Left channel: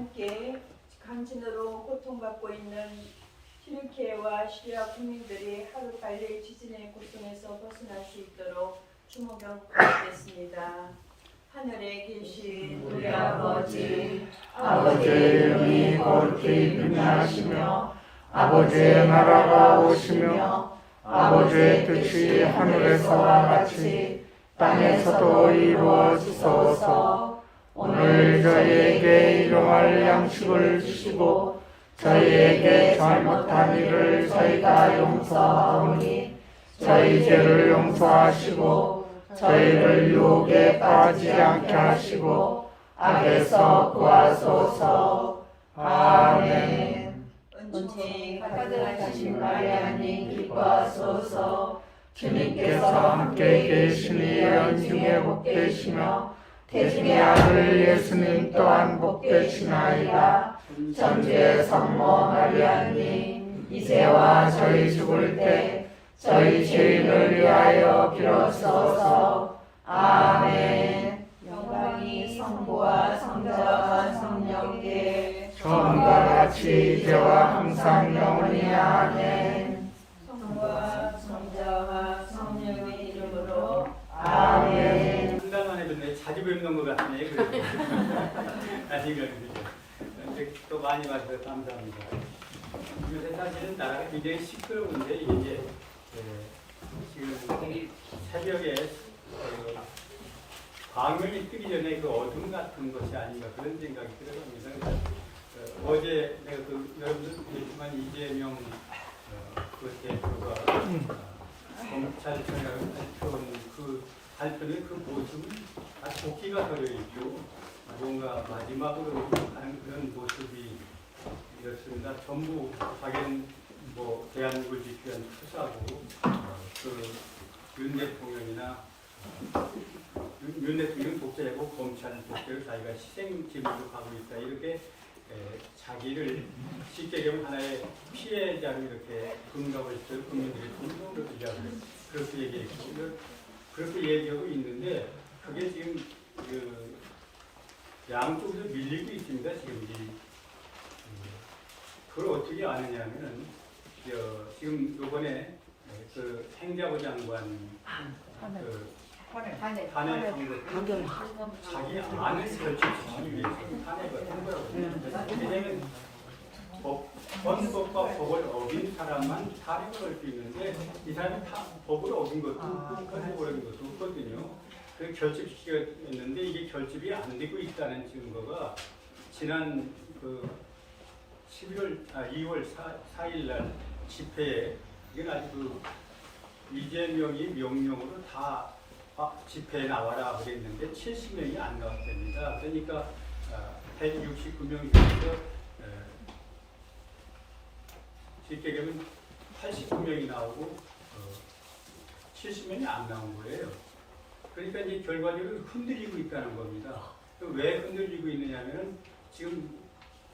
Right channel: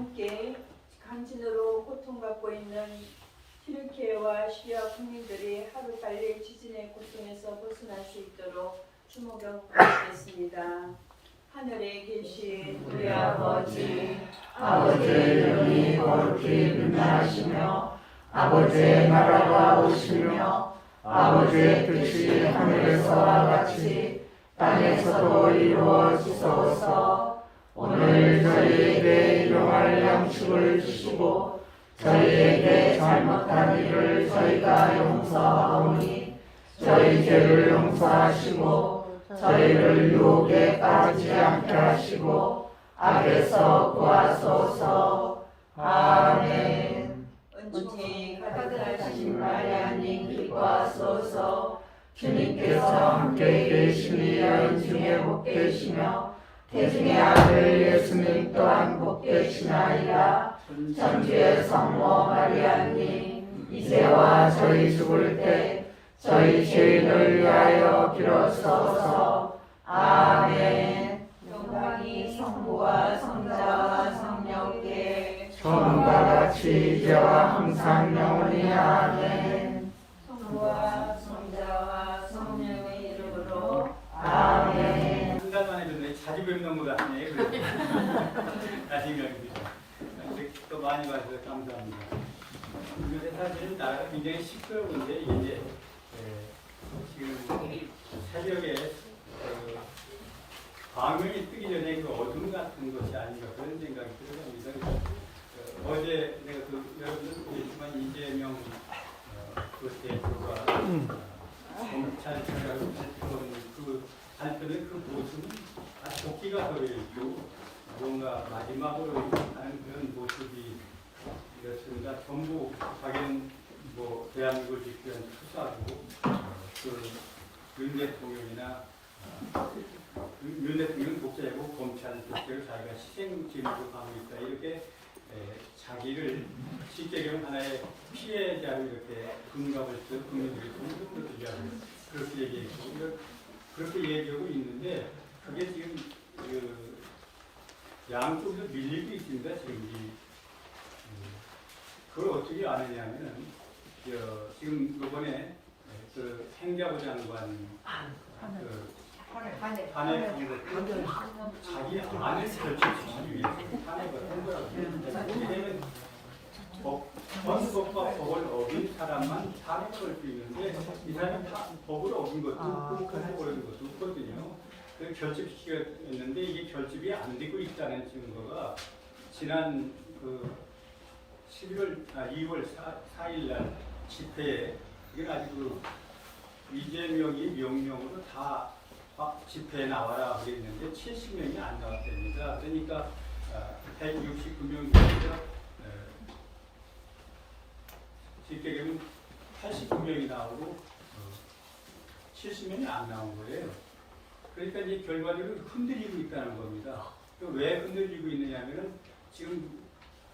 함께 강진으로 고통받고 있는 튀르키예와 시리아 국민들이 하루빨리 지진의 고통에서 벗어날 수 있도록 주목을 부탁드리겠습니다. 하늘에 계신 우리 아버지, 아버지의 이름이 거룩히 빛나시며 아버지의 나라가 오시며 아버지의 뜻이 하늘에서와 같이 땅에서도 이루어지소서. 오늘 저희에게 일용할 양식을 주시고 저희에게 잘못한 일을 저희가 용서하오니 저희 죄를 용서하시고 저희를 유혹에 빠지지 않게 하시고 악에서 구하소서. 아멘. 은총이 가득하신 마리아님 기뻐하소서. 주님께서 함께 계시니 연중에 복되시며 태중의 아들 예수님 또한 복되시나이다. 천주의 성모 마리아님 이제와 저희 죽을 때 저희 죄인을 위하여 빌어주소서. 아멘. 영광이 성부와 성자와 성령께 처음과 같이 이제와 항상 영원히 아멘. 성부와 성자와 성령의 이름으로 아멘. 한 달 만에 듣네. 자주 뵙는 것 같네. 다시 또 많이 와주셔서 감사합니다. 요새 사실은 나라가 굉장히 시끄러운데 이제 지금 새벽에 광명이 뜨기 전에 그 어둠 같은 것이 아닌가 그런 생각이 들어갑니다. 그래서 어제 내가 여러분들 보겠지만 이재명 그 대표가 검찰청장을 발표한 그 발표는 그 모습은 아주 도끼가 서려있고 뭔가 마지막으로 하는 그런 모습이 이렇습니다. 전부 자기는 뭐 대한민국을 지키기 위한 투사고 윤 대통령이나 윤 대통령 독재고 검찰 독재를 자기가 희생지물로 가고 있다 이렇게 자기를 쉽게 얘기하면 하나의 피해자로 이렇게 금감을 쓰고 국민들의 공동으로 그렇게 얘기했고 그렇게 얘기하고 있는데 그게 지금 양쪽에서 밀리고 있습니다. 지금 그걸 어떻게 아느냐면은 지금 이번에 그 행자부 장관 탄핵한 것도 자기 안을 결집시키기 위해서 탄핵을 한 거라고 합니다. 헌법과 법을 어긴 사람만 탄핵을 할 수 있는데 이 사람이 법을 어긴 것도 없고 헌법을 어긴 것도 없거든요. 그래서 결집시켰는데 이게 결집이 안 되고 있다는 증거가 지난 2월 4일 날 집회에 이건 아직 이재명이 명령으로 다 집회에 나와라 그랬는데 70명이 안 나왔답니다. 그러니까 169명 중에서 쉽게 얘기하면 89명이 나오고 70명이 안 나온 거예요. 그러니까 이제 결과적으로 흔들리고 있다는 겁니다. 왜 흔들리고 있느냐면은 지금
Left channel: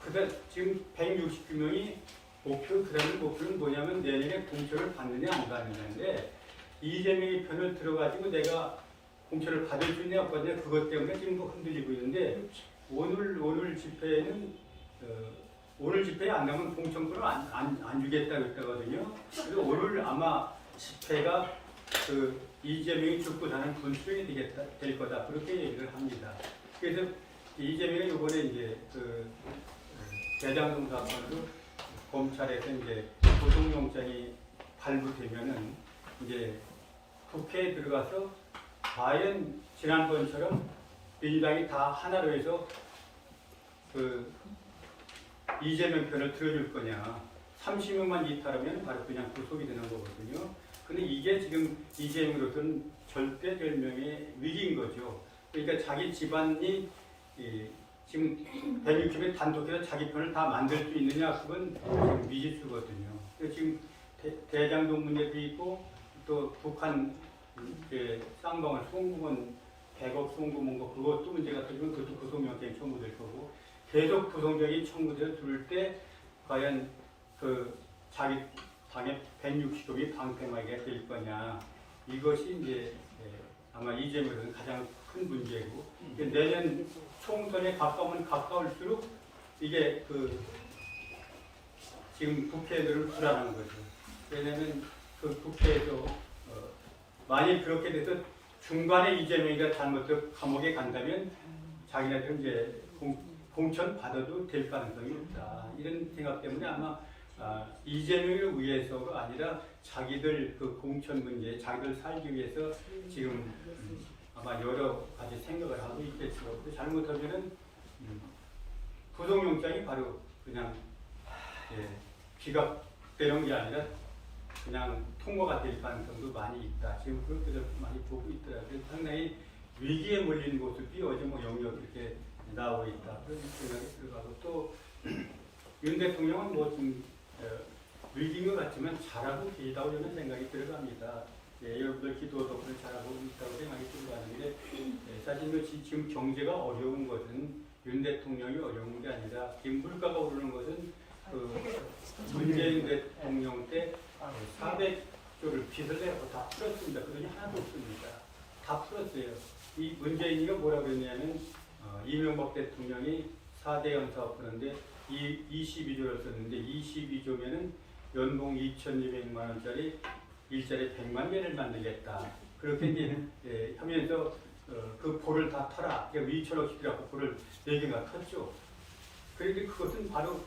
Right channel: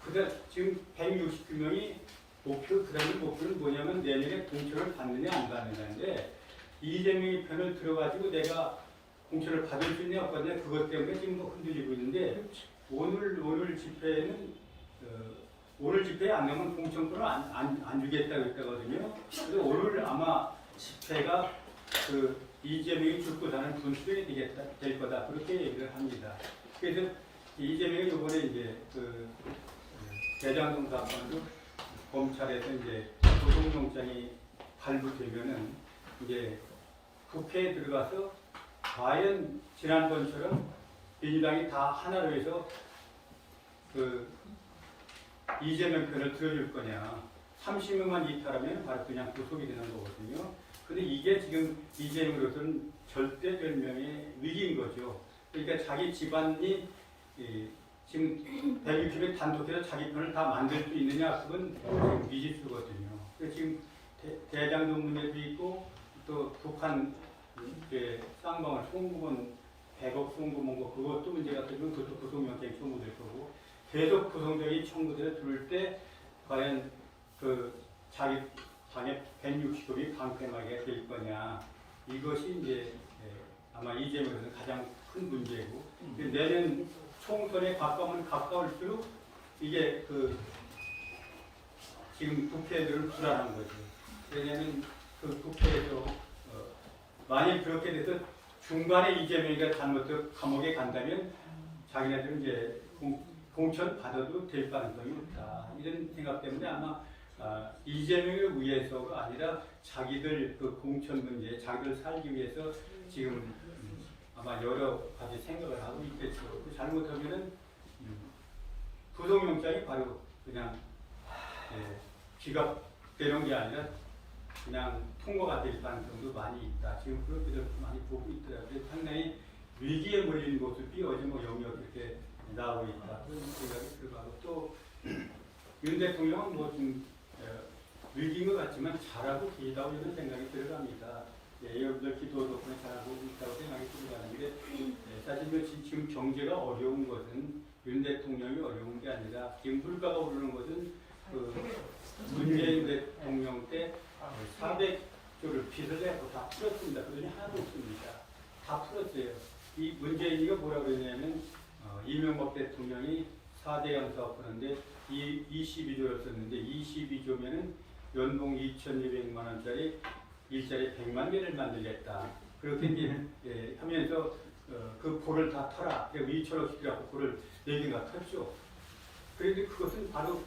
169명이 그 다음에 목표는 뭐냐면 내년에 공천을 받느냐 안 받느냐인데 이재명이 편을 들어가지고 내가 공천을 받을 수 있냐 없겠냐 그것 때문에 지금 흔들리고 있는데 오늘 집회에는 오늘 집회에 안 나오면 공천권을 안 주겠다고 했거든요. 그래서 오늘 아마 집회가 이재명이 죽고 사는 분수령이 될 거다 그렇게 얘기를 합니다. 그래서 이재명이 이번에 이제 대장동 사건으로 검찰에서 이제 구속영장이 발부되면은 이제 국회에 들어가서 과연 지난번처럼 민주당이 다 하나로 해서 이재명 편을 들어줄 거냐. 30명만 이탈하면 바로 그냥 구속이 되는 거거든요. 근데 이게 지금 이재명으로서는 절대절명의 위기인 거죠. 그러니까 자기 집안이 지금 160에 단독해서 자기 편을 다 만들 수 있느냐 그건 미지수거든요. 지금 대장동 문제도 있고 또 북한 쌍방울 송금원 100억 송금원 거 그것도 문제가 되면 그것도 구속영장이 청구될 거고 계속 구속영장이 청구될 때 과연 자기 당의 160억이 방패막이가 될 거냐 이것이 이제 아마 이재명에서는 가장 큰 문제고 내년 총선에 가까우면 가까울수록 이게 지금 국회들은 불안한 거죠. 왜냐하면 그 국회에서 만일 그렇게 돼서 중간에 이재명이가 잘못해서 감옥에 간다면 자기네들은 이제 공천 받아도 될 가능성이 없다. 이런 생각 때문에 아마 이재명을 위해서가 아니라 자기들 그 공천 문제, 자기들 살기 위해서 지금 아마 여러 가지 생각을 하고 있겠죠. 잘못하면은 구속영장이 바로 그냥 기각되는 게 아니라 그냥 통과가 될 가능성도 많이 있다. 지금 그런 것들을 많이 보고 있더라고요. 상당히 위기에 몰린 모습이 어제 뭐 영역 이렇게 나오고 있다. 그런 생각이 들어가고 또 윤 대통령은 뭐 좀 위기인 것 같지만 잘하고 계시다고 이런 생각이 들어갑니다. 여러분들 기도 덕분에 잘하고 있다고 생각이 들어가는데 사실은 지금 경제가 어려운 것은 윤 대통령이 어려운 게 아니라 지금 물가가 오르는 것은 문재인 대통령 때 400조를 빚을 내고 다 풀었습니다. 그러니 하나도 없습니다. 다 풀었어요. 이 문재인이가 뭐라고 그러냐면 이명박 대통령이 4대 연사업 하는데 22조를 썼는데 22조면은 연봉 2,200만 원짜리 일자리 100만 개를 만들겠다. 그렇게 하면서 그 볼을 다 털어. 그러니까 위처럼 시키라고 볼을 4개가 텄죠. 그런데 그것은 바로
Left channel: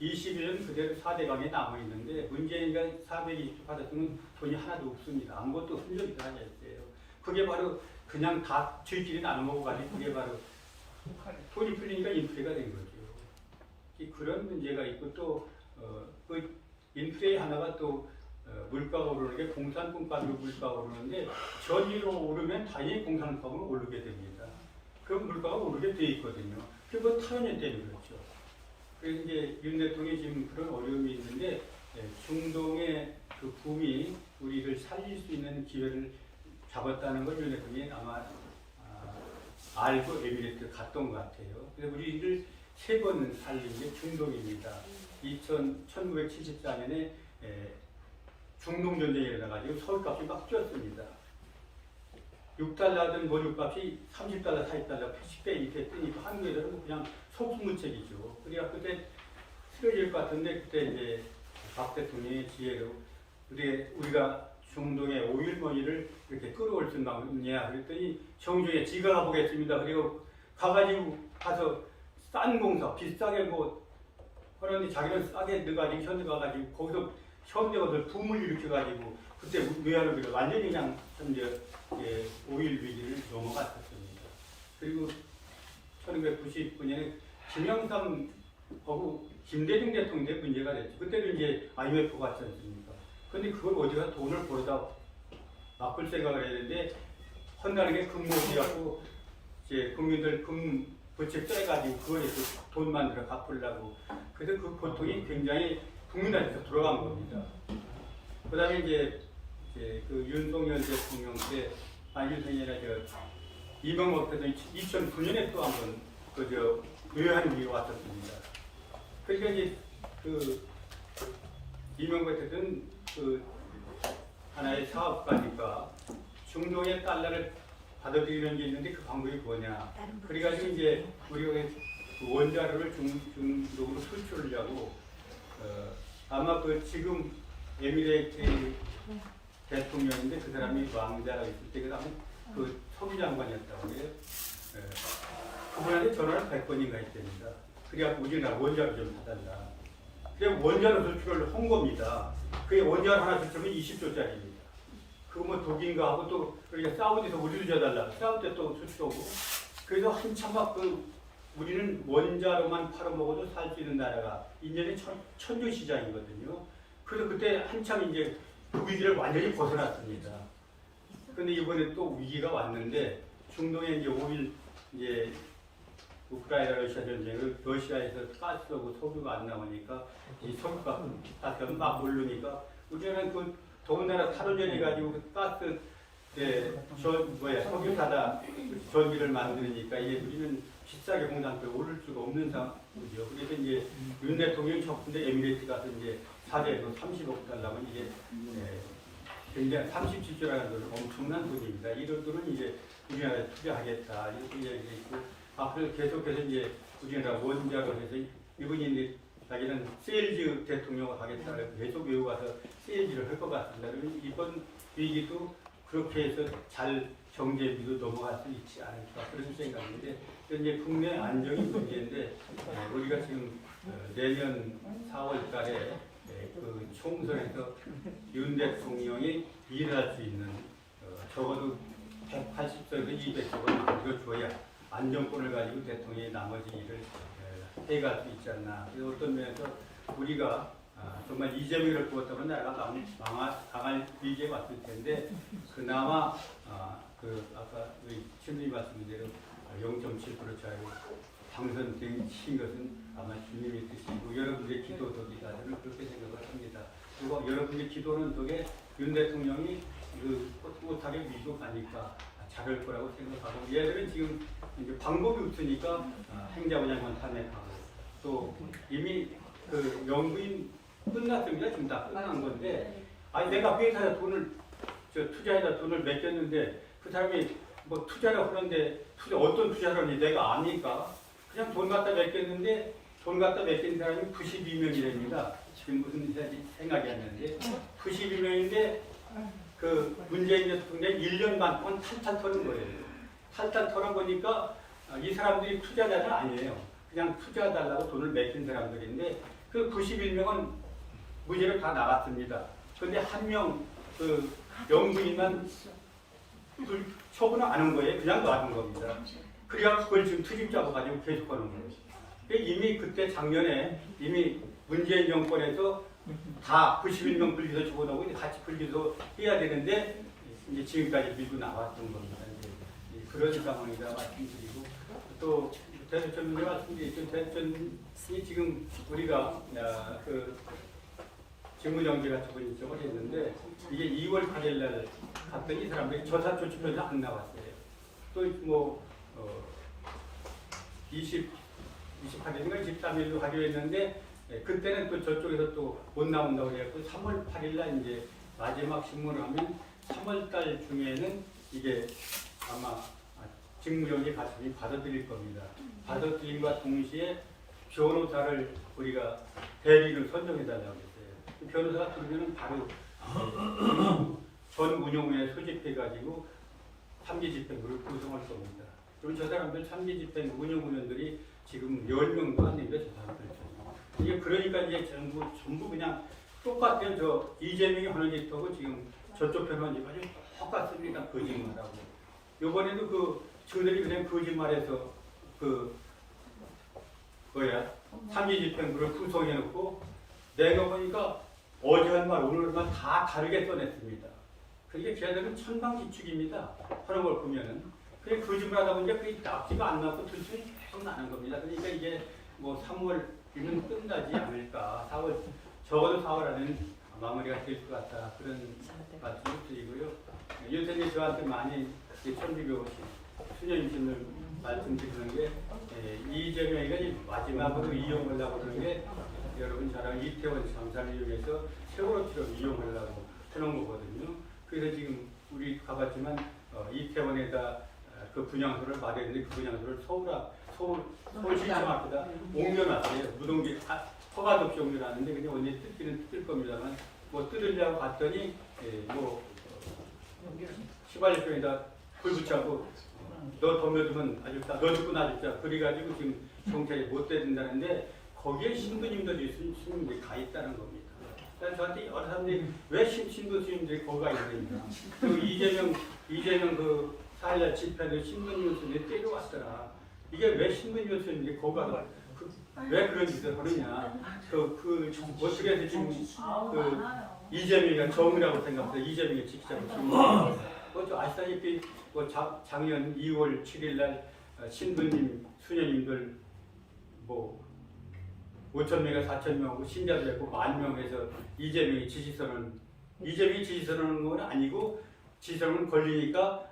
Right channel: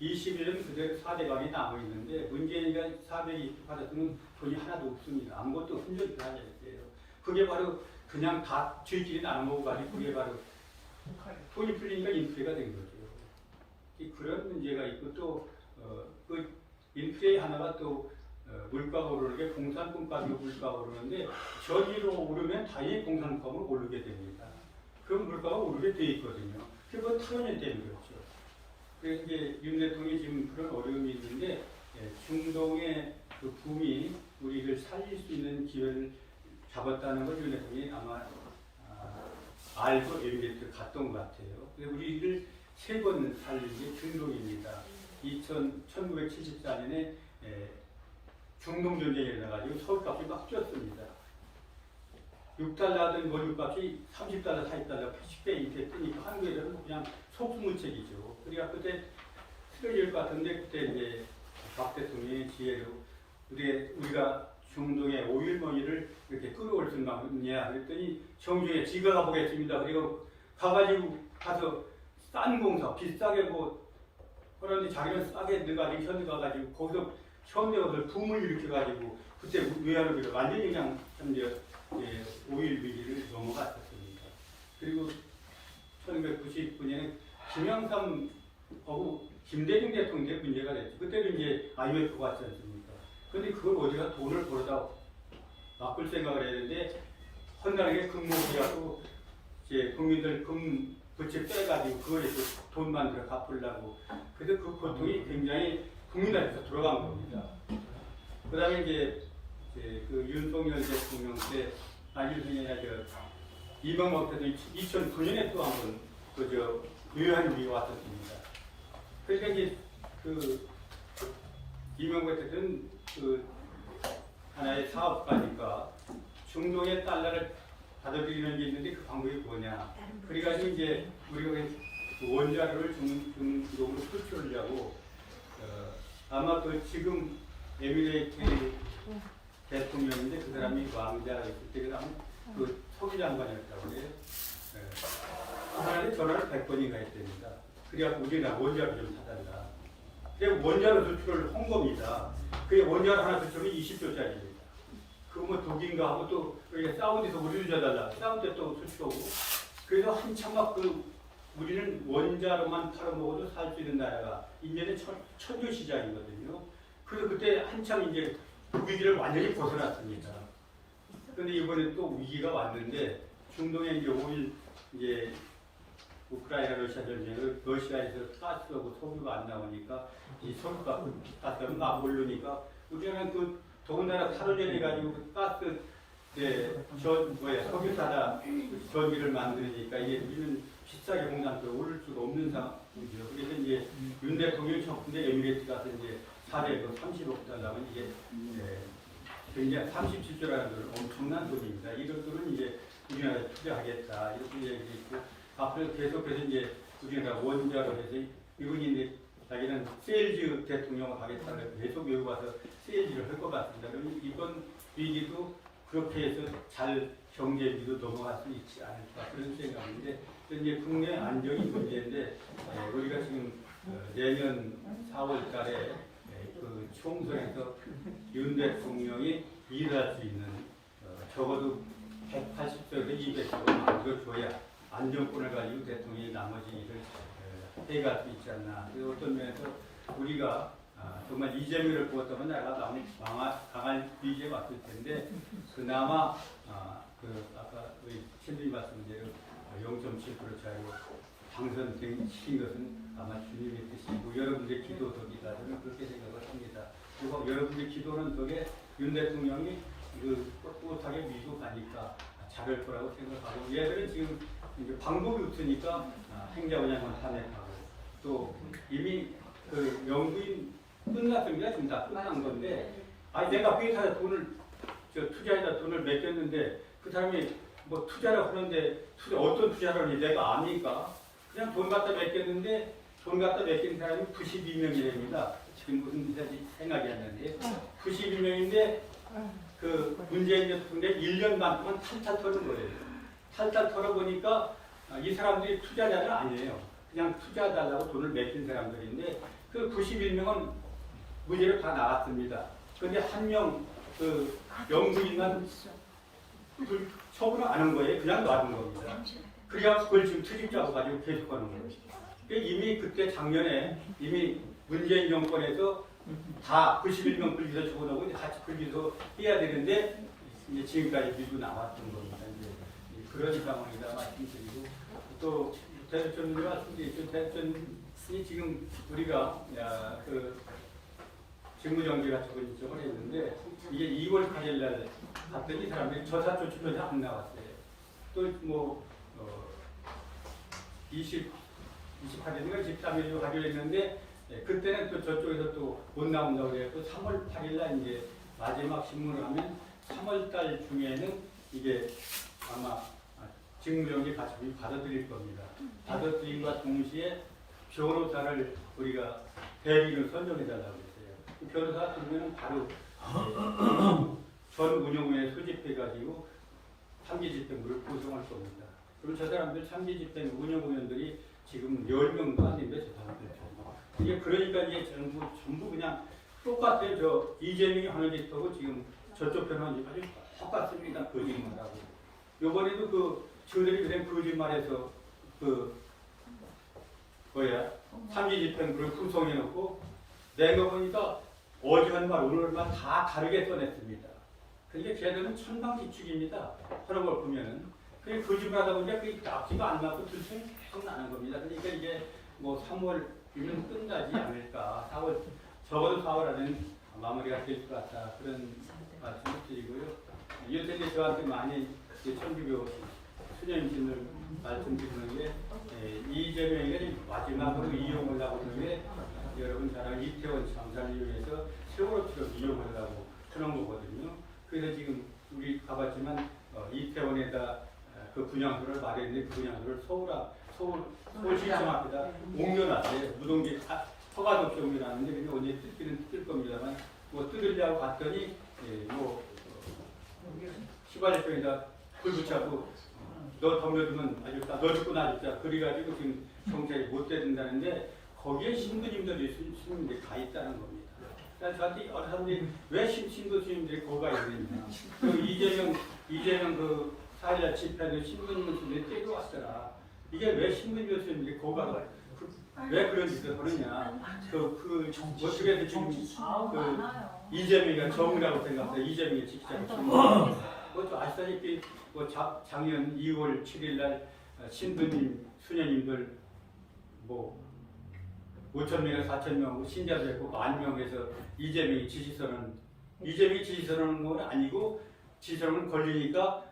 21년 그대로 4대강에 남아있는데 문재인이가 420조 받았으면 돈이 하나도 없습니다. 아무것도 흔적이 하나 있어요. 그게 바로 그냥 다 저희끼리 나눠 먹어가지고 그게 바로 돈이 풀리니까 인플레가 된 거죠. 그런 문제가 있고 또 그 인플레 하나가 또 물가가 오르는 게 공산품값이 물가가 오르는데 전기로 오르면 당연히 공산품은 오르게 됩니다. 그 물가가 오르게 돼 있거든요. 그건 타연이 되는 거죠. 그래서 이제 윤 대통령이 지금 그런 어려움이 있는데 중동의 그 붐이 우리를 살릴 수 있는 기회를 잡았다는 걸 윤 대통령이 아마 알고 에미레이트 갔던 것 같아요. 그래서 우리를 3번 살린 게 중동입니다. 1974년에 중동 전쟁이 일어나가지고 서울값이 막 뛰었습니다. 6달러 하던 원유값이 30달러, 40달러, 10배 이렇게 뜨니까 한국에서는 그냥 속수무책이죠. 그러니까 그때 쓰러질 것 같은데 그때 이제 박 대통령의 지혜로 우리가 중동의 오일머니를 이렇게 끌어올 수 있느냐 그랬더니 정중에 지가 가보겠습니다. 그리고 가서 싼 공사 비싸게 뭐 그런데 자기는 싸게 넣어가지고 현대 가가지고 거기서 현대가들 붐을 일으켜가지고 그때 외환위기로 완전히 그냥 현재 오일 위기를 넘어갔었습니다. 그리고 1999년에 김영삼하고 김대중 대통령의 문제가 됐죠. 그때는 이제 IMF가 왔지 않습니까? 그런데 그걸 어디가 돈을 벌어다 바꿀 생각을 해야 되는데 헌나르게 금모기하고 이제 국민들 금 부채 빼가지고 그거에서 돈 만들어 갚으려고 그래서 그 고통이 굉장히 국민한테 들어간 겁니다. 그 다음에 이제 그 윤석열 대통령 때 윤석열이 이명박 대통령이 2009년에 또 한 번 외환위기 왔었습니다. 그러니까 이제 이명박 대통령 하나의 사업가니까 중동의 달러를 받아들이는 게 있는데 그 방법이 뭐냐. 그래가지고 이제 우리가 원자료를 중동으로 수출을 하고 아마 지금 에미레이트 대통령인데 그 사람이 왕자라고 있을 때 그 다음에 서기 장관이었다고 해요. 그분한테 전화를 100번인가 했답니다. 그래갖고 우리나 원자료 좀 사달라. 그래 원자료 수출을 한 겁니다. 그게 원자료 하나 수출하면 20조짜리입니다. 그거 뭐 독인가 하고 또 우리가 사우디에서 우리를 줘달라. 사우디에 또 수출하고. 그래서 한참 막 우리는 원자로만 팔아먹어도 살 수 있는 나라가 인연의 천주 시장이거든요. 그래서 그때 한참 이제 그 위기를 완전히 벗어났습니다. 그런데 이번에 또 위기가 왔는데 중동에 이제 오일 이제 우크라이나 러시아 전쟁을 러시아에서 가스하고 석유가 안 나오니까 이 석유가 가스가 막 오르니까 우리는 더군다나 탈원전해 가지고 가스 석유 타다 전기를 만드니까 이제 우리는 비싸게 공장을 오를 수가 없는 상황이죠. 그래서 이제 윤 대통령이 적군데 에미레이트 가서 이제 4대 30억 달러면 이제 굉장히 37조라는 건 엄청난 돈입니다. 이런 돈은 이제 우리나라에 투자하겠다 이렇게 얘기를 했고 앞으로 계속해서 이제 우리나라 원자로 해서 이분이 이제 자기는 세일즈 대통령을 하겠다 계속 외워가서 세일즈를 할 것 같습니다. 그럼 이번 위기도 그렇게 해서 잘 경제비도 넘어갈 수 있지 않을까 그런 생각인데 이제 국내 안정이 문제인데 우리가 지금 내년 4월 달에 그 총선에서 윤 대통령이 일할 수 있는 적어도 180석에서 200석을 만들어줘야 안정권을 가지고 대통령이 나머지 일을 해갈 수 있지 않나. 어떤 면에서 우리가 정말 이재명을 두었다면 나라가 강할 위기에 왔을 텐데 그나마 그 아까 우리 친구님 말씀대로 0.7% 차이로 당선되신 것은 아마 주님의 뜻이고 여러분들의 기도 덕이다. 저는 그렇게 생각을 합니다. 그리고 여러분들의 기도는 덕에 윤 대통령이 꿋꿋하게 밀고 가니까 잘할 거라고 생각하고 얘들은 지금 방법이 없으니까 행자부장만 탄핵하고 또 이미 그 영부인 끝났습니다. 지금 다 끝난 건데 아니 내가 회사에 돈을 투자에다 돈을 맡겼는데 그 사람이 뭐 투자를 하는데 어떤 투자를 하는지 내가 압니까? 그냥 돈 갖다 맡겼는데 돈 갖다 맡긴 사람이 92명이랍니다. 지금 무슨 생각이 안 나는데 92명인데 그 문재인 대통령이 1년 반 동안 탈탈 털은 거예요. 탈탈 털어보니까 이 사람들이 투자자는 아니에요. 그냥 투자해달라고 돈을 맡긴 사람들인데 그 91명은 무죄로 다 나갔습니다. 그런데 한 명 그 영부인만 처분을 안 한 거예요. 그냥 놔둔 겁니다. 그래야 그걸 지금 투집 잡아가지고 계속하는 거예요. 이미 그때 작년에 이미 문재인 정권에서 다 91명 불기소 적어놓고 같이 불기소 해야 되는데 이제 지금까지 밀고 나왔던 겁니다. 이제 그런 상황이다 말씀드리고 또 대표님이 말씀드렸죠. 대표님이 지금 우리가 그 직무정지가 적용을 했는데 이게 2월 8일 날 갔더니 사람들이 저사조치표에서 안 나왔어요. 또 뭐 28일인가 23일로 하기로 했는데 그때는 또 저쪽에서 또 못 나온다고 그랬고 3월 8일 날 이제 마지막 신문을 하면 3월 달 중에는 이게 아마 직무정지 가처분이 받아들일 겁니다. 받아들임과 동시에 변호사를 우리가 대리인을 선정해달라고 했어요. 변호사가 들으면 바로 전 운용위에 소집해가지고 삼지집행부를 구성할 겁니다. 그럼 저 사람들 삼지집행 운영위원들이 지금 10명도 안 되는데 저 사람들이죠. 이게 그러니까 이제 전부 그냥 똑같아요. 저 이재명이 하는 짓하고 지금 저쪽 편 하는 짓까지 똑같습니다. 거짓말하고. 요번에도 그 저들이 그냥 거짓말해서 그 삼지집행부를 구성해놓고 내가 보니까 어제 한 말 오늘 한 말 다 다르게 써냈습니다. 그러니까 걔들은 천방지축입니다. 하는 걸 보면은. 그게 거짓말하다 보니까 그게 납치가 안 나고 둘째 계속 나는 겁니다. 그러니까 이게 뭐 3월이면 끝나지 않을까. 4월, 적어도 4월 안에는 마무리가 될 것 같다. 그런 말씀을 드리고요. 요새 저한테 많이 천비교 수녀님신을 말씀드리는 게 이재명이 마지막으로 이용하려고 그러는데 여러분 잘 아는 이태원 참사를 이용해서 세월호처럼 이용하려고 해놓은 거거든요. 그래서 지금 우리 가봤지만 이태원에다 그 분향소를 마련했는데 그 분향소를 서울시청 앞에다 옮겨놨어요. 무동기 허가도 없이 옮겨놨는데 그냥 언제 뜰기는 뜰 겁니다만 뭐 뜯으려고 봤더니 뭐 시발력병에다 불 붙잡고 너 덤벼두면 아직다 너 죽고 나 죽자 그래가지고 지금 경찰이 못 대준다는데 거기에 신부님들이 스님들이 가 있다는 겁니다. 그래서 저한테 여러 사람들이 왜 신부 스님들이 거기 가 있느냐. 그리고 이재명 그 4일날 집회도 신부님을 스님들이 때려왔더라. 이게 왜 신부님을 스님들이 거기 가서 왜 그런 짓을 하느냐. 어떻게 해서 지금 이재명이가 정이라고 생각해요. 이재명이 직접 그것도 아시다시피 작년 2월 7일날 신부님, 수녀님들 뭐 5,000명이나 4,000명 신자도 있고 10,000명에서 이재명이 지시선언한 건 아니고 지시선언 걸리니까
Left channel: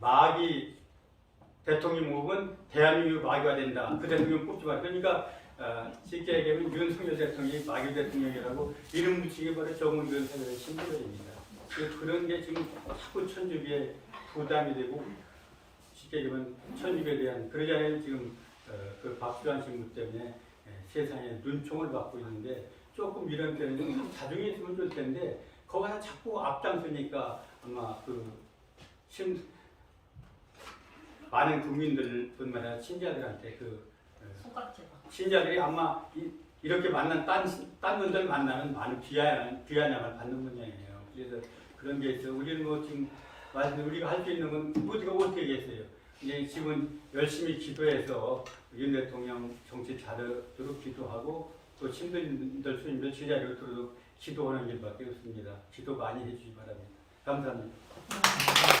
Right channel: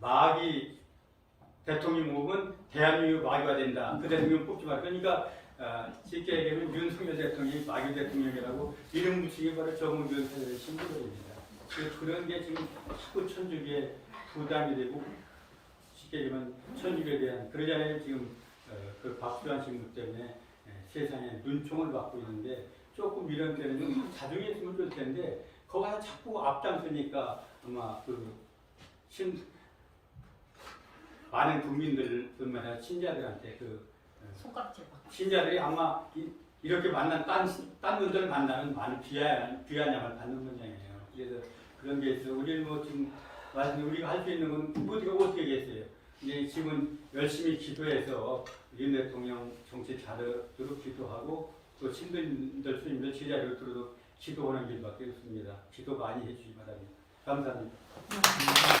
마귀 대통령 모으면 대한민국 마귀가 된다. 그 대통령 뽑지 마. 그러니까 쉽게 얘기하면 윤석열 대통령이 마귀 대통령이라고 이름 붙이기 바로 정은 윤석열의 신부들입니다. 그런 게 지금 자꾸 천주교에 부담이 되고 쉽게 얘기하면 천주교에 대한 그러잖아요. 지금 그 박수환 신부 때문에 세상에 눈총을 받고 있는데 조금 이런 때는 좀 자중했으면 좋을 텐데 거기가 자꾸 앞장서니까 아마 많은 국민들뿐만 아니라 신자들한테 신자들이 아마 이렇게 만난 딴 분들 만나면 많은 귀환양을 받는 모양이에요. 그래서 그런 게 있어. 우리는 뭐 지금 우리가 할 수 있는 건 우리가 어떻게 하겠어요? 이제 지금 열심히 기도해서 윤 대통령 정치 잘하도록 기도하고 또 신도인들 스님들 제자리로 들도록 기도하는 길밖에 없습니다. 기도 많이 해주시기 바랍니다. 감사합니다.